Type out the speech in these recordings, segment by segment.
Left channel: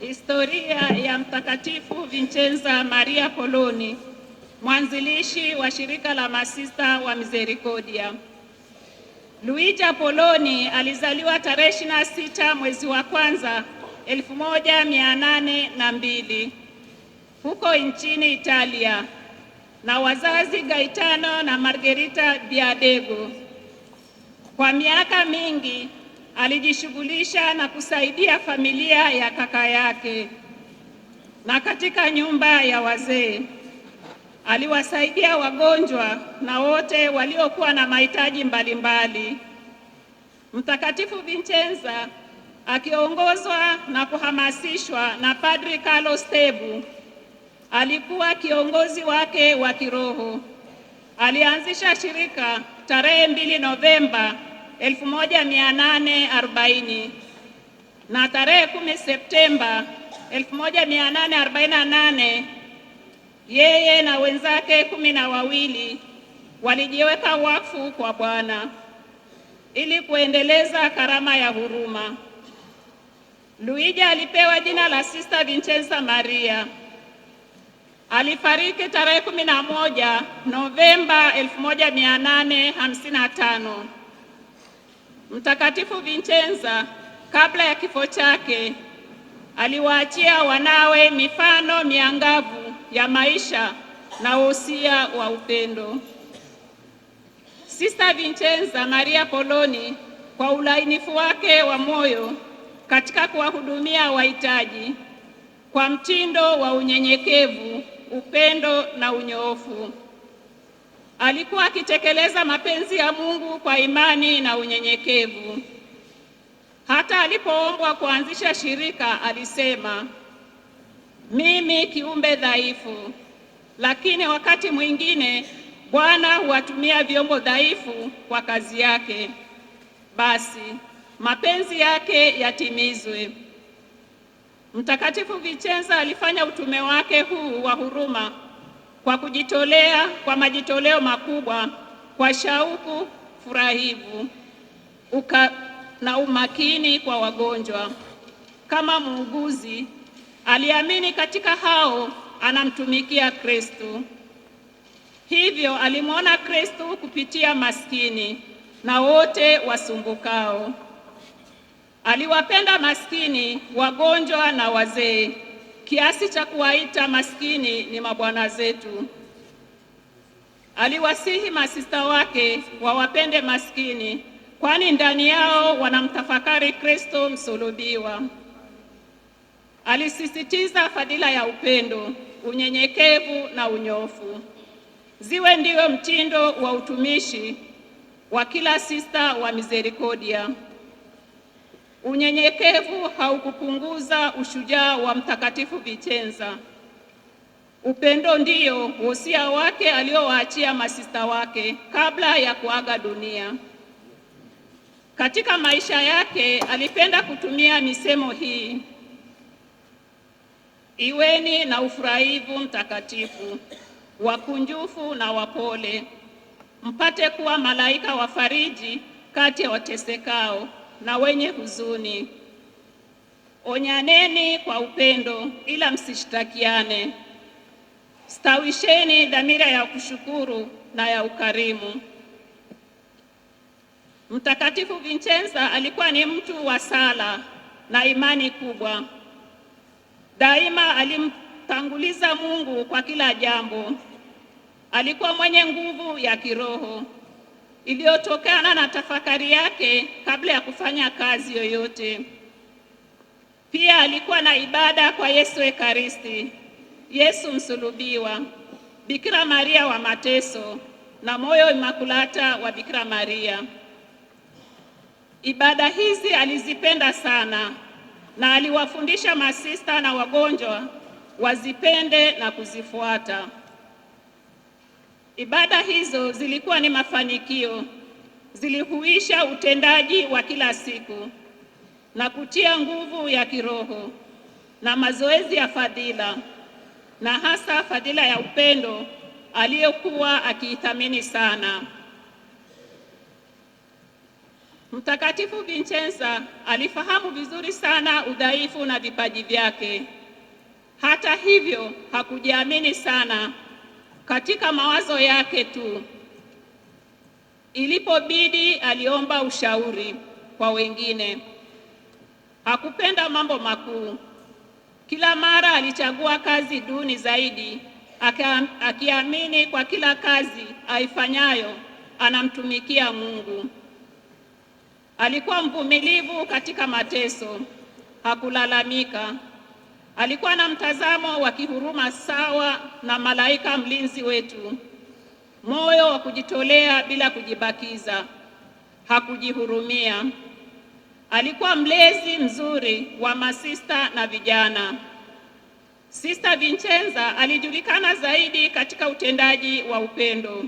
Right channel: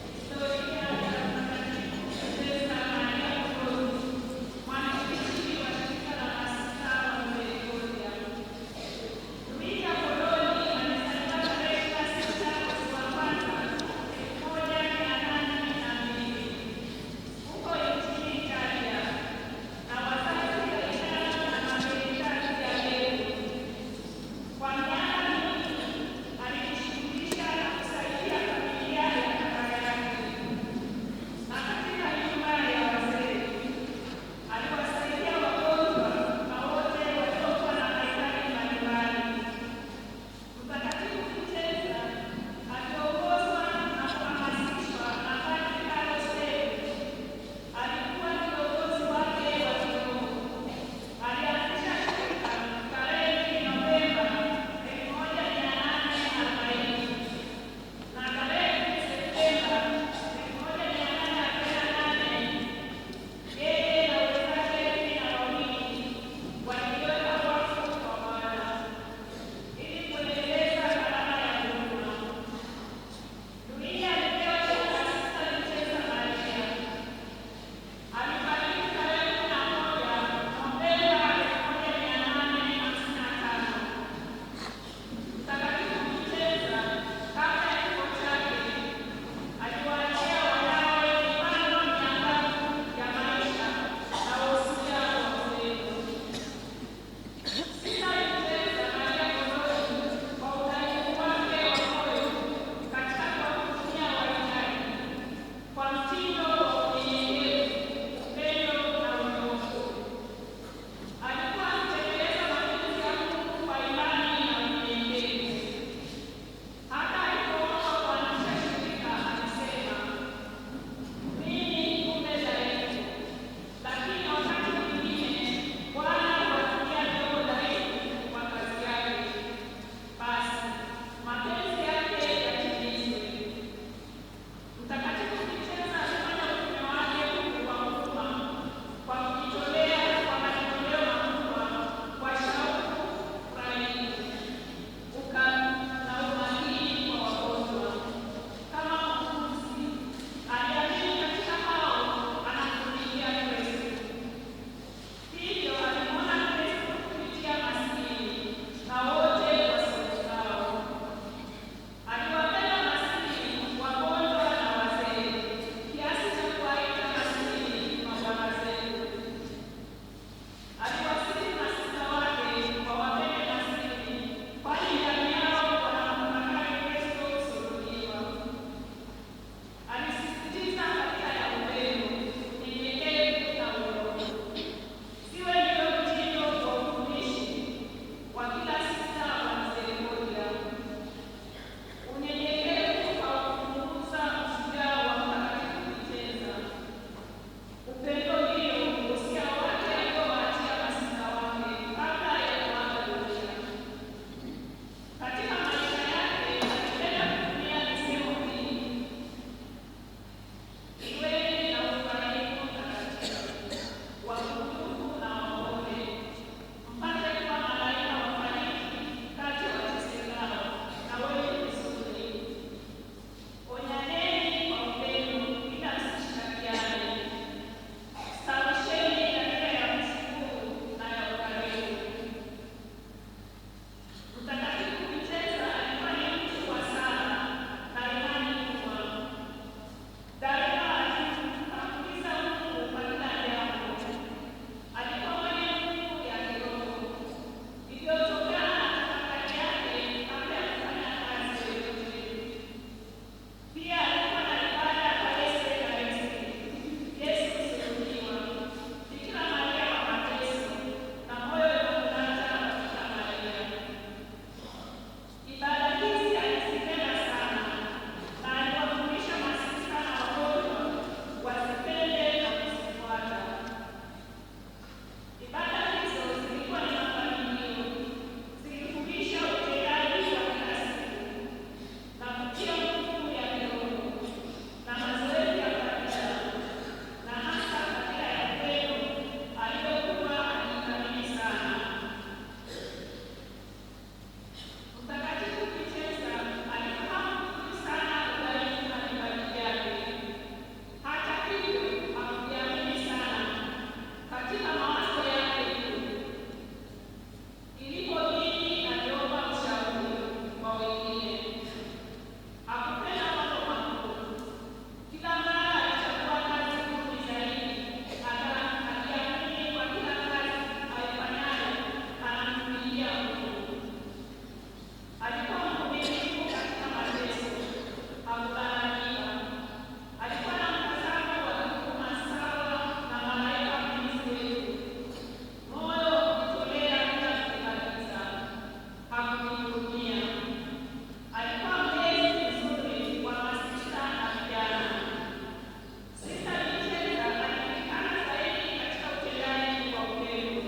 Historia ya Mtakatifu Vincenza Maria Poloni, mwanzilishi wa shirika la Masista wa Misericordia. Luigia Poloni alizaliwa tarehe 26 mwezi wa kwanza 1802 huko nchini Italia na wazazi Gaetano na Margherita Biadego. Kwa miaka mingi alijishughulisha na kusaidia familia ya kaka yake, na katika nyumba ya wazee aliwasaidia wagonjwa na wote waliokuwa na mahitaji mbalimbali. Mtakatifu Vincenza akiongozwa na kuhamasishwa na Padri Carlo Stebu, alikuwa kiongozi wake wa kiroho. Alianzisha shirika tarehe 2 Novemba 1840 na tarehe 10 Septemba 1848 yeye na wenzake 12 walijiweka wakfu kwa Bwana ili kuendeleza karama ya huruma. Luigia alipewa jina la Sister Vincenza Maria. Alifariki tarehe 11 Novemba 1855. Mtakatifu Vincenza kabla ya kifo chake aliwaachia wanawe mifano miangavu ya maisha na wosia wa upendo. Sister Vincenza Maria Poloni, kwa ulainifu wake wa moyo katika kuwahudumia wahitaji, kwa mtindo wa unyenyekevu, upendo na unyoofu, alikuwa akitekeleza mapenzi ya Mungu kwa imani na unyenyekevu. Hata alipoombwa kuanzisha shirika alisema, mimi kiumbe dhaifu, lakini wakati mwingine Bwana huwatumia vyombo dhaifu kwa kazi yake. Basi mapenzi yake yatimizwe. Mtakatifu Vincenza alifanya utume wake huu wa huruma kwa kujitolea, kwa majitoleo makubwa, kwa shauku furahivu na umakini kwa wagonjwa. Kama muuguzi, aliamini katika hao anamtumikia Kristo. Hivyo alimwona Kristo kupitia maskini na wote wasumbukao. Aliwapenda maskini, wagonjwa na wazee, kiasi cha kuwaita maskini ni mabwana zetu. Aliwasihi masista wake wawapende maskini, kwani ndani yao wanamtafakari Kristo msulubiwa. Alisisitiza fadhila ya upendo, unyenyekevu na unyofu ziwe ndiyo mtindo wa utumishi wa kila sista wa Misericordia. Unyenyekevu haukupunguza ushujaa wa Mtakatifu Vincenza. Upendo ndiyo wosia wake aliowaachia masista wake kabla ya kuaga dunia. Katika maisha yake alipenda kutumia misemo hii: iweni na ufurahivu mtakatifu, wakunjufu na wapole, mpate kuwa malaika wafariji kati ya watesekao na wenye huzuni. Onyaneni kwa upendo, ila msishtakiane. Stawisheni dhamira ya kushukuru na ya ukarimu. Mtakatifu Vincenza alikuwa ni mtu wa sala na imani kubwa. Daima alimtanguliza Mungu kwa kila jambo. Alikuwa mwenye nguvu ya kiroho iliyotokana na tafakari yake kabla ya kufanya kazi yoyote. Pia alikuwa na ibada kwa Yesu Ekaristi, Yesu msulubiwa, Bikira Maria wa mateso na moyo Imakulata wa Bikira Maria. Ibada hizi alizipenda sana na aliwafundisha masista na wagonjwa wazipende na kuzifuata. Ibada hizo zilikuwa ni mafanikio, zilihuisha utendaji wa kila siku na kutia nguvu ya kiroho na mazoezi ya fadhila, na hasa fadhila ya upendo aliyokuwa akiithamini sana. Mtakatifu Vincenza alifahamu vizuri sana udhaifu na vipaji vyake. Hata hivyo, hakujiamini sana katika mawazo yake tu. Ilipobidi, aliomba ushauri kwa wengine. Hakupenda mambo makuu. Kila mara alichagua kazi duni zaidi, akiamini kwa kila kazi aifanyayo anamtumikia Mungu. Alikuwa mvumilivu katika mateso, hakulalamika. Alikuwa na mtazamo wa kihuruma sawa na malaika mlinzi wetu, moyo wa kujitolea bila kujibakiza, hakujihurumia. Alikuwa mlezi mzuri wa masista na vijana. Sista Vincenza alijulikana zaidi katika utendaji wa upendo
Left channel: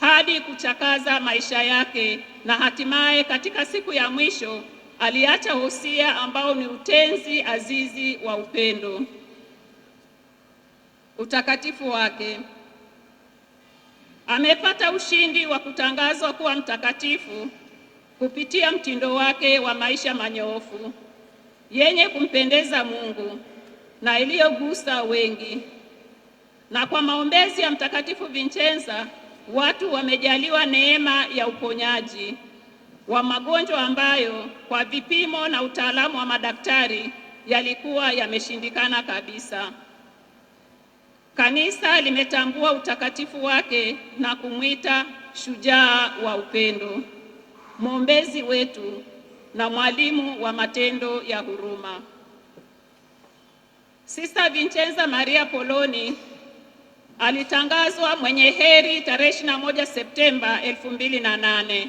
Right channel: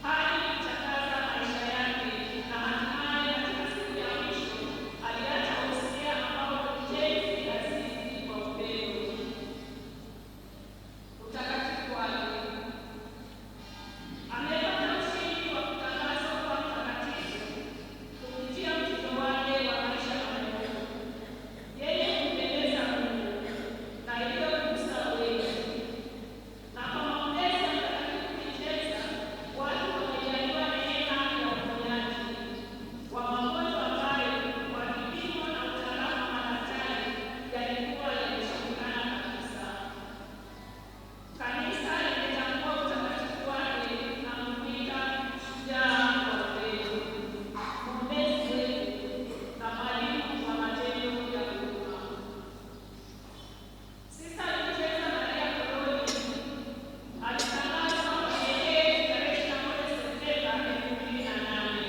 hadi kuchakaza maisha yake, na hatimaye katika siku ya mwisho aliacha wosia ambao ni utenzi azizi wa upendo. Utakatifu wake. Amepata ushindi wa kutangazwa kuwa mtakatifu kupitia mtindo wake wa maisha manyoofu yenye kumpendeza Mungu na iliyogusa wengi. Na kwa maombezi ya Mtakatifu Vincenza, watu wamejaliwa neema ya uponyaji wa magonjwa ambayo kwa vipimo na utaalamu wa madaktari yalikuwa yameshindikana kabisa. Kanisa limetambua utakatifu wake na kumwita shujaa wa upendo, mwombezi wetu na mwalimu wa matendo ya huruma. Sista Vincenza Maria Poloni alitangazwa mwenye heri tarehe 21 Septemba 2008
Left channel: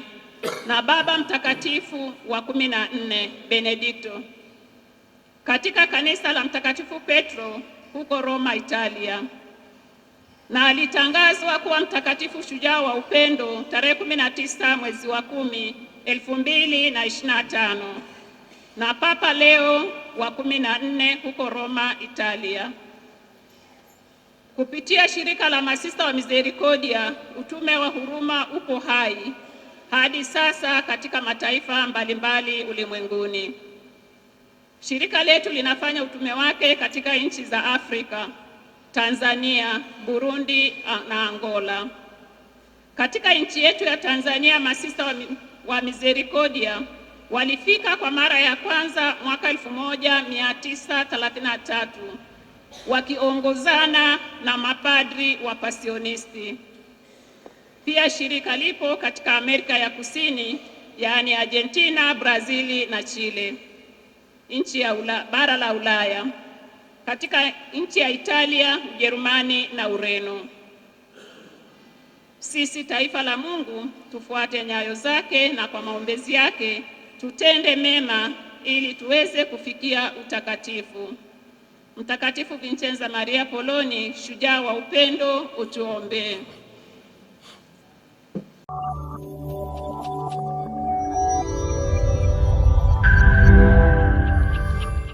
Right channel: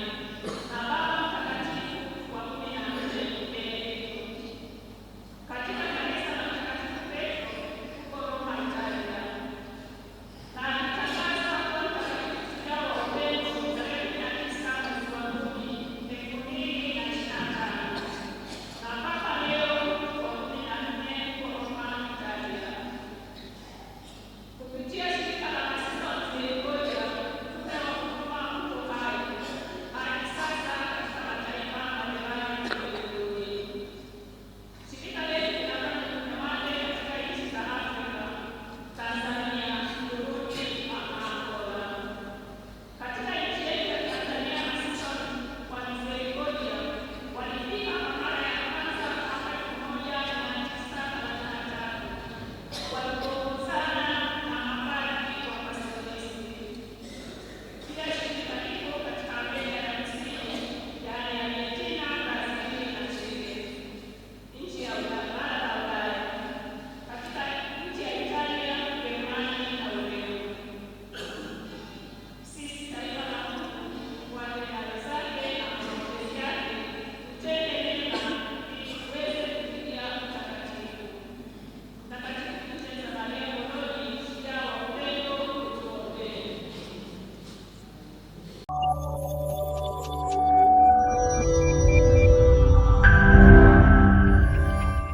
na Baba Mtakatifu wa 14 Benedikto katika kanisa la Mtakatifu Petro huko Roma, Italia, na alitangazwa kuwa mtakatifu shujaa wa upendo tarehe 19 mwezi wa 10 2025 na Papa Leo wa 14 huko Roma, Italia. Kupitia shirika la Masista wa Misericordia, utume wa huruma upo hai hadi sasa katika mataifa mbalimbali ulimwenguni. Shirika letu linafanya utume wake katika nchi za Afrika, Tanzania, Burundi na Angola. Katika nchi yetu ya Tanzania, Masista wa Misericordia walifika kwa mara ya kwanza mwaka 1933 wakiongozana na mapadri wa Pasionisti. Pia shirika lipo katika Amerika ya Kusini, yaani Argentina, Brazili na Chile, nchi ya bara la Ulaya, katika nchi ya Italia, Ujerumani na Ureno. Sisi taifa la Mungu tufuate nyayo zake, na kwa maombezi yake tutende mema ili tuweze kufikia utakatifu. Mtakatifu Vincenza Maria Poloni, shujaa wa upendo, utuombee.